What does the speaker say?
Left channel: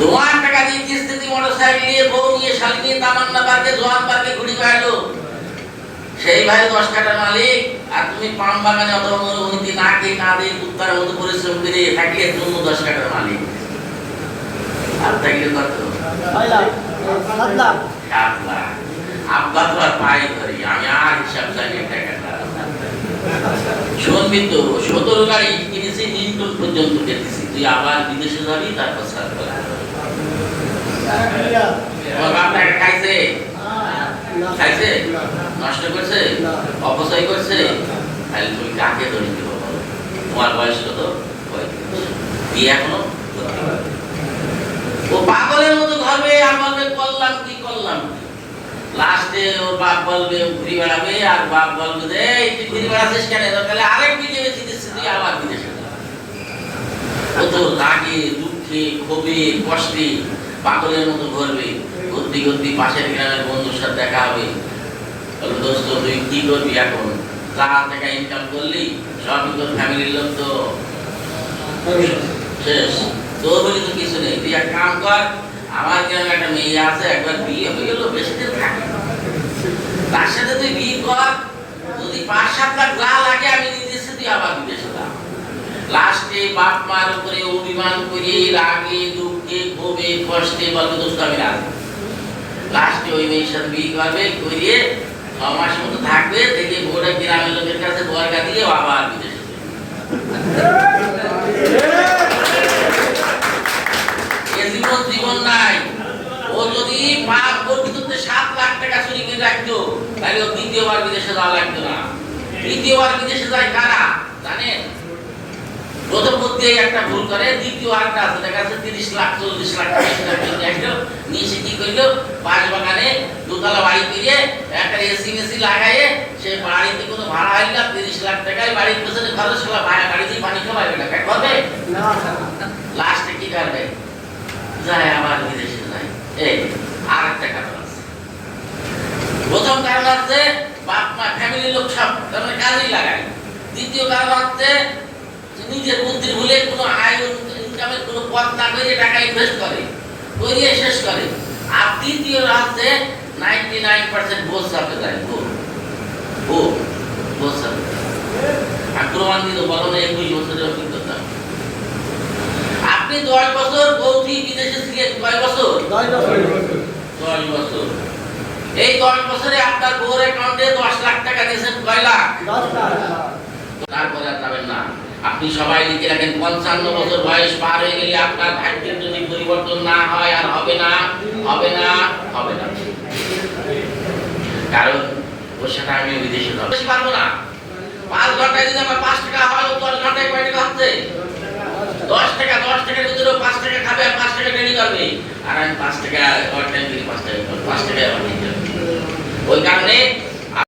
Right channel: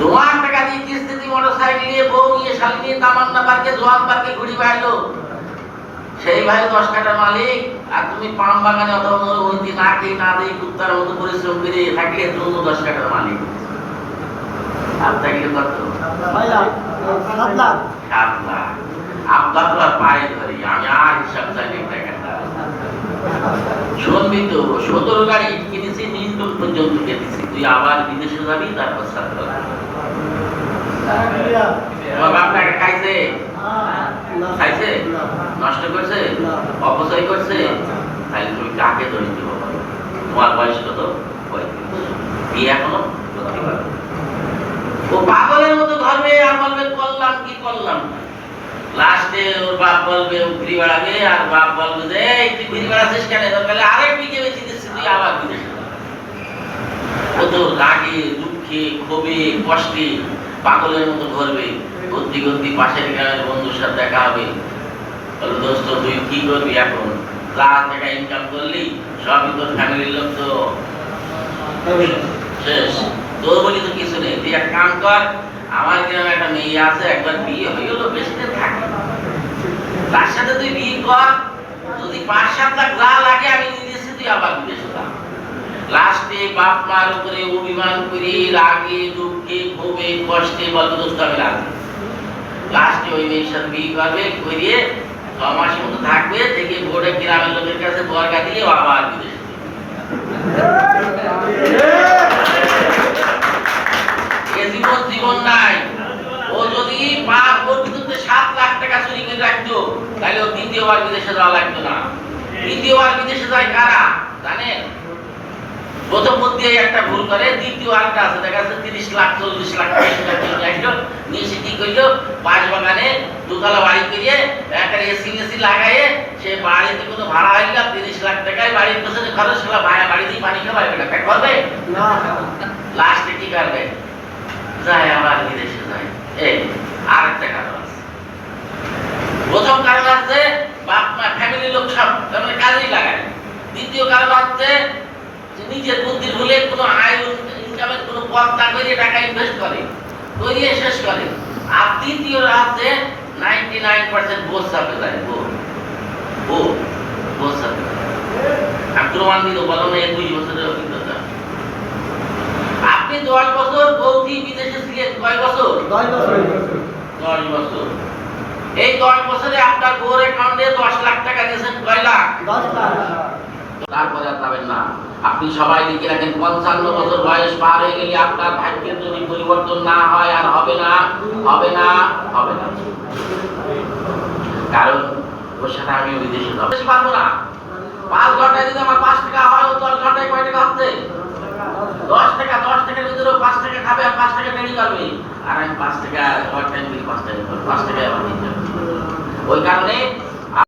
তোমার টাকা দিয়ে কিস্তিতে মোটরসাইকেল নিয়ে বউ নিয়ে শালি নিয়ে তামান্না পার্কে জোয়ান পার্কে ঘুরি বেড়ালো, সেই ভাই 10 কাঠার মালিক। আর তুমি পাম বাগানে অত অনুমতি না খেয়ে না দিয়ে কুত্তার মতো পরিশ্রম করে থাকলে তুমি 10 কাঠার মালিক। আর থাকলে কত? 7 লাখ। আব্বা তো আর পাই ধরি, আমি আর হিসাব জানি টাকাটা। শুনবি তো, 17 গাড়ি কিনেছি, নিউটন পর্যন্ত পেতেছি। তুই আবার বিদেশে যাবি, তারপর সার করবি। তোমার বাপ টাকা খাইছে? খাইছে? নষ্ট করছে? অপচয় করছে? তাহলে তুমি কাকে দোষ দিব বলো? তোমার বয়স কত? 35। বিয়ে এখনো করতে পারো? ও পাগলের মতো ঘরবে আর বলবে করলাম কি করলাম। লাস্টে ওর বাপ বলবে ও ঘুরি বেড়াবে, আর বাপ বলবে যে এই তুই ঘুরি বেড়াচ্ছিস কেন? তাহলে আরেক বিয়ে বেঁচে দিচ্ছিস, তুই আবার বিদেশে যা। ও তো রাগে দুঃখে ক্ষোভে কষ্টে পাগলের মতো ঘুরবে। ঘুরতে ঘুরতে পাশের গ্রামের বন্ধুর সাথে দেখা হবে, বলো দোস্ত তুই কি করবি এখন? যা টাকা ইনকাম করলি সবই তোর ফ্যামিলির লোক তো শেষ, তোর বলি তো কিছু নেই। তুই এক কাম কর, আমার গ্রামে একটা মেয়ে আছে, একবার বিয়ে হয়ে গেল, বেশি দিন থাকে, তার সাথে তুই বিয়ে কর। যদি 5-7 লাখ যা লাগে আমি নিয়ে দিচ্ছি, তুই আবার বিদেশে যা। লাস্টে বাপ মার উপরে অভিমান করে রাগে দুঃখে ক্ষোভে কষ্টে বলবে দোস্ত আমি রাজি। লাস্টে ওই মেয়ের সাথে বিয়ে করবে, করিয়ে 6 মাস মতো থাকবে, দেখে বোর্ডে গ্রামের লোকের কাছে বর্গা দিয়ে আবার বিদেশে। জীবন জীবন নাই। ও যদি পাপ করতে 7 লাখ টাকা চুরি করে রাখতো, তাহলে ও দ্বিতীয়বার বিদেশে যাওয়া লাগতো না। তৃতীয়বার বিদেশে যায় কারা জানেন? প্রথম বুদ্ধি একটা ভুল করে, দ্বিতীয় আরেকটা আছে, দেখা যাচ্ছে 30 লাখ 40 লাখ টাকা কিনে আসলো, নিয়ে কি করলো, পাঁচ বাগানে দোতলা বাড়ি কিনে একটা এসি মেসি লাগাইয়ে সে বাড়িতে কোনো ভাড়া হয় না, 30 লাখ টাকায় বাড়ির পেছনে খরচ হলো, বাড়িতেই পানি খাওয়াবে, টাকা করবে না। লাস্টে কি করবে? যায় আবার বিদেশে যায়। এই আরেকটা কারণ আছে। প্রথম কারণ আছে বাপ মা ফ্যামিলির লোক সব তাহলে কাজেই লাগায়। দ্বিতীয় কারণ হচ্ছে নিজের বুদ্ধির ভুলে কোনো আয় ইনকামের কোনো পথ না করে টাকা ইনভেস্ট করে, করিয়ে শেষ করে। আর তৃতীয় হচ্ছে 99% বোঝ চাপে যায়। বোঝ চাপে। আমি প্রমাণ দিল বলো না, 21 বছরের অভিজ্ঞতা। আপনি 10 বছর বৌদি বিদেশে ছিলেন, কয় বছর? 10 বছর। এই 10 বছরে আপনার বউর অ্যাকাউন্টে 10 লাখ টাকা দিয়েছেন, কয় লাখ? 10 লাখ। তারপরে আর যাবেন না। আপনি সবাই লিখে রাখেন 55 বছর বয়স পার হয়ে গেলে আপনার ভাগ্যের যদি পরিবর্তন না হয় আর হবে না, হবে না, হবে না। কারণ ওর সাথে আমি বিদেশে যাবো, পারবো না। 5 ঘন্টায় যদি আমার 5 টাকা হয়, ও 10 ঘন্টায় কয় টাকা হচ্ছে? 10 টাকা। 10 টাকার ভিতরে 5 টাকা খাবে আর 5 টাকা ট্রেনিং করবে, আর আমি 5 টাকা ওভার টাইম দিই, 5 টাকা আমার নিতে হবে। ওই কারণে